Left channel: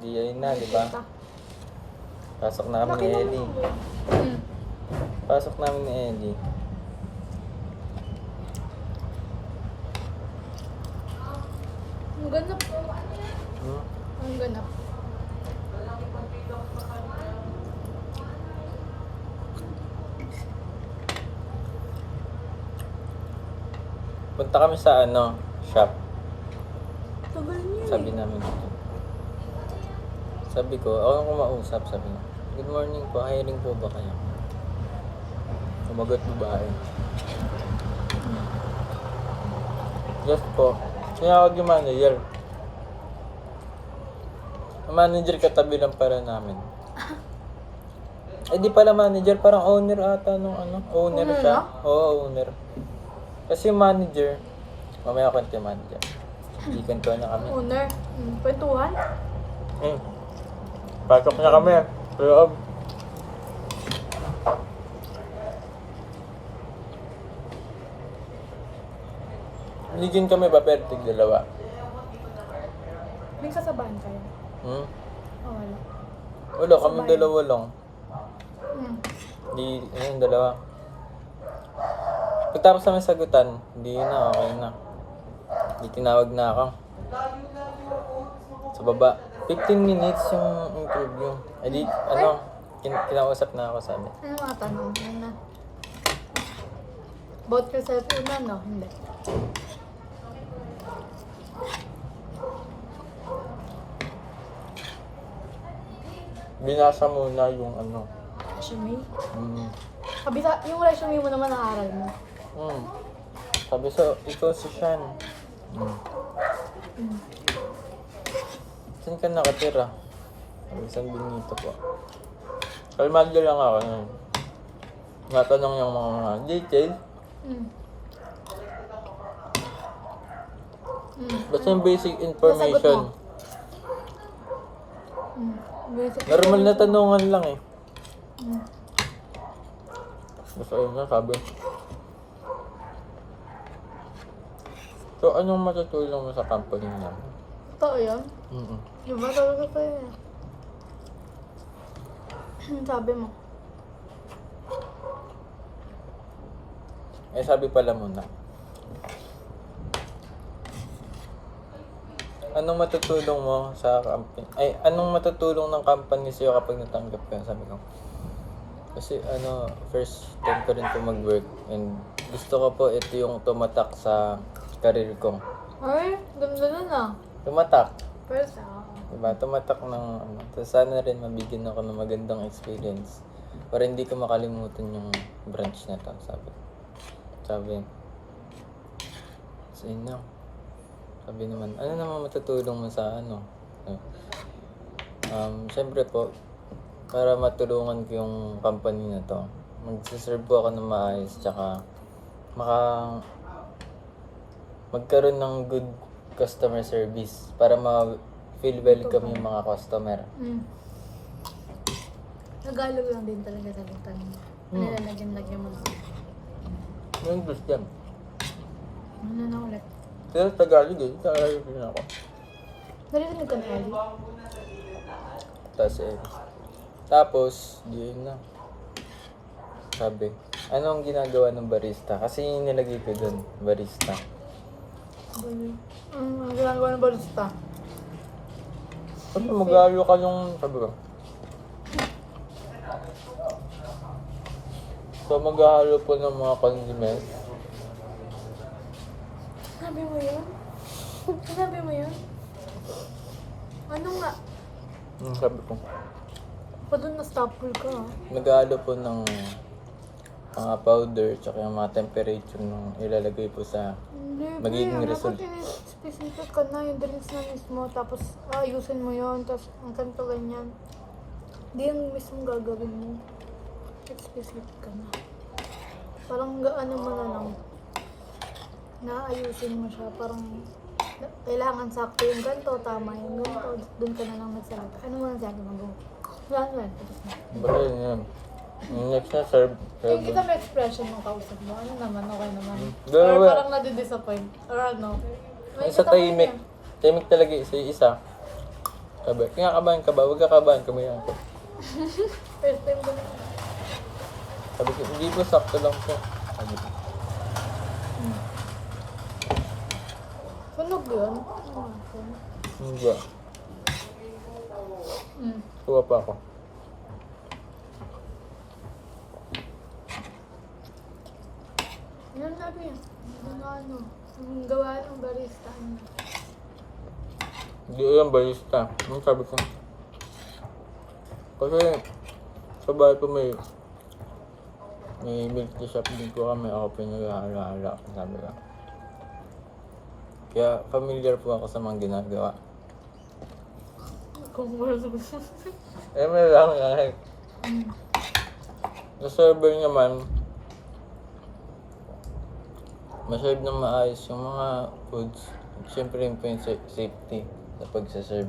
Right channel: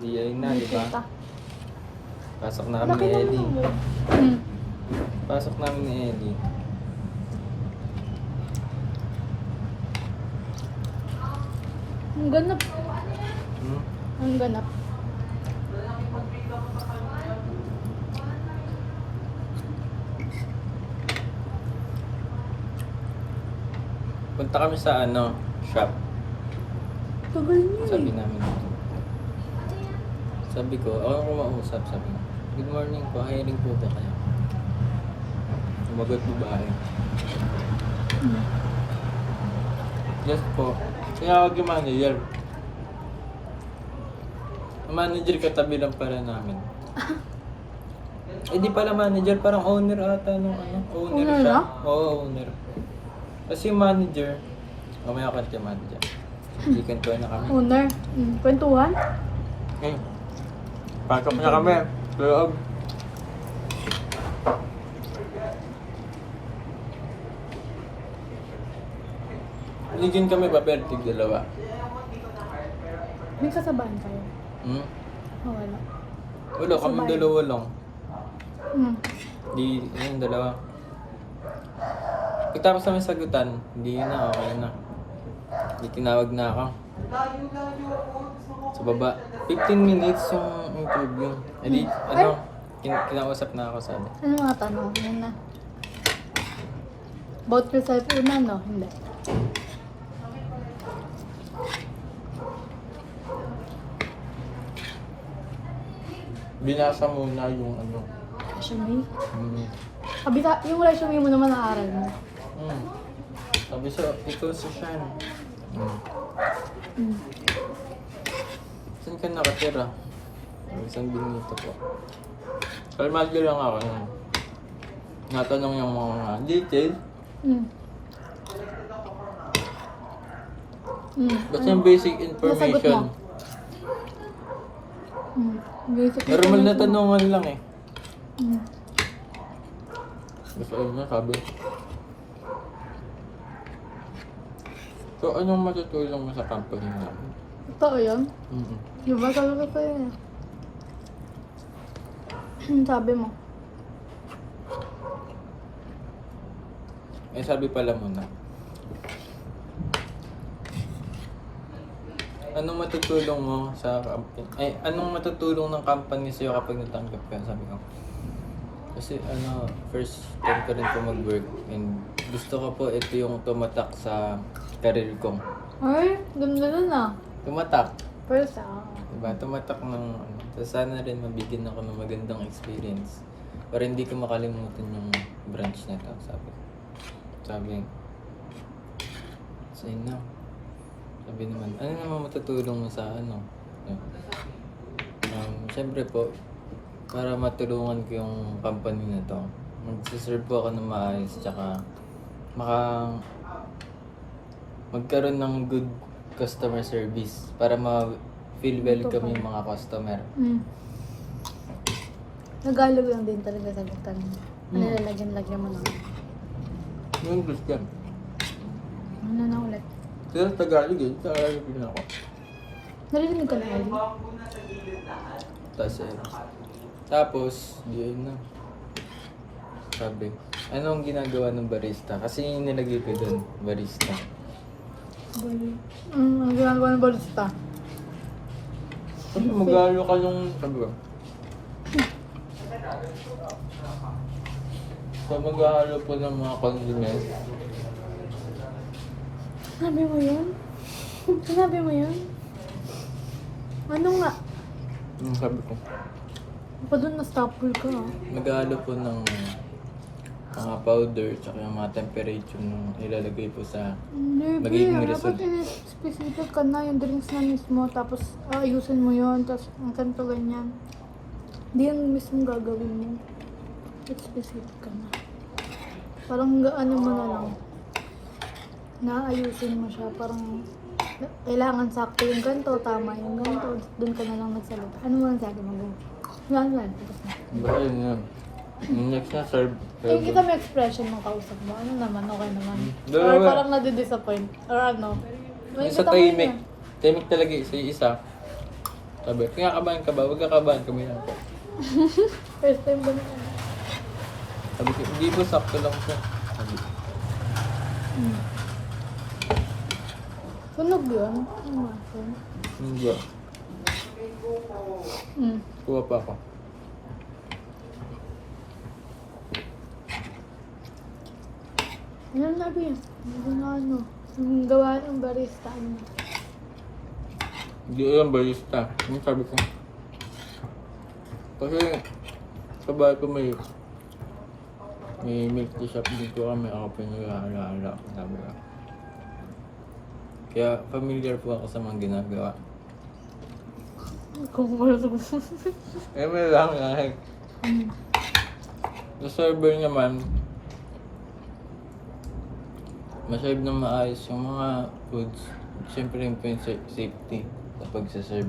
Di ayun na, di ba? Kita. Pasok na kami Laki ni naman Ellie. ang mo. Hmm. Pasok namin ni Ellie. Ang ganap. Hmm? Ang ganap. Punta kami sa shop. Tagal niya Sabi eh. namin. Sabi ko, ako yung kumausap, sabi ko. Good morning po, hiring po ba kayo? Sumagot babae. Yes po. Tinawag yung manager. Ang manager katabi lang pala namin. Eh di pala manager, parang owner ata nung owner Owner siya. na? Oo, owner. Kasi yung manager, mamaya kwento yung manager. Hindi kwentuhan na kami. Owner. Kwentuhan? Pasok na kami. Sa loob. Hindi din kami papertig dalawa. May kasabahan kayo? Hmm? Oh, wala. Wala, kami Sabay. dalawa lang. Hmm. Di, yung dalawa. Pagtapos namin sagutan, hindi na, okay na. Hindi tinawag na ako. Sa baba. 15 minutes yung interview. Eh di, kinausap na ako sabi. Ano mga tanong? Yan na. About yourself una, no? Hindi. Binasa muna yung Resume? Hmm. Kabisa, yung resume mo naman naaral mo. Hmm. Sabi so, ikaw si Sean. Hmm. Hmm. Saan ka nakatira? Sabi, San Benito po. Kalmado lang ako nun. Natanong yung mga details. Hmm. Basta yung basic Nasagot information. mo? Basic Normal na information mo. tanungan lang eh. Hmm. Basta yun na sabi. So, anong matutulong mo sa company namin? Totoo yun? Mm-mm. Diba sabi ko sa'yo eh. Sabi mo. Eh, sabi pala muna. Anong matutulong mo sa company? Ay, anong matutulong ng company sa'yo kapag natanggap ka? Sabi ko. Kasi first time ko rin po mag-work and gusto ko po ito yung tumatak sa career ko. Ay, ganda na na. Tumatak. First Diba? Tumatak ng So, sana rin mabigyan ako ng magandang experience para hindi ko makalimutan yung branch na to, sabi. So, yun na. Sabi naman, ano naman matutulong mo sa Siyempre po, para matulungan ko yung company na to, magsiserve po ako ng maayos, tsaka magkaroon ng good customer service para ma-feel welcome yung mga customer. Nagalog lang din talaga sa lutan mo. Nilalagyan-lagyan mo na. Yung gusto yan. Ano na ulit? Pero Tagalog eh, Tagalog din ako. Narinig ka na, Ellie? Tapos, yun na. Sabi, anong ginagawa ng barista? Kasi yung nilagay ko dun, barista. Ang ginagawa ng balista. Sabi, mag-alo ka yung, sabi ko. So, mag-alo po ng mga condiments. Sinabi mo yun? Sinabi mo yun? Ano nga? Sabi ko. Ako doon na-stopple ka ah. Mag-alo po ng mga powder, tsaka yung mga temperature nung ilalagay po sa Hindi, magiging dapat result. specific ka na yung drinks na mismo, tapos ayusin mo yun, tapos ang kanto ganyan. Hindi yung mismo gagawin mo. Specific ka na. Parang ano mo na lang. Naayusin mo siya, parang kailangan sakto yung ganto, tama yung ganto, doon ka na lang nagsalita. Ano mo lang sabi mo? Yan, tapos na. Basta yun yan. Next na, serve. Yung kita may expression ng kausap mo, ano naman, okay naman. Or Dalawa. parang nadidisappoint, or ano. Yung sa katawin tahimik. niya. Tahimik talaga isa-isa. Sabi, kinakabahan ka ba? Huwag kakabahan, kumayan ko. First time ba na? Sabi ko, hindi po, sakto lang po. Sabi ko, Sunog yun? Umasin. hindi ba? Kuha pa ako. Ano sabi niya? Hindi na ano. Yung gawa ng barista. Ano? Hindi yung barista. Ano sabi ko? Kasi, sa bahay ko may milk tea shop din po kami. Ako po yung nag-aala-ala. Sabi ko. Kaya, familiar po ako sa mga ginagawa. Kung marunong. Eh, may lang kahit. Sa server naman, maserve na maayos yung mga foods. Siyempre rin po yung safety sa pagsaserve.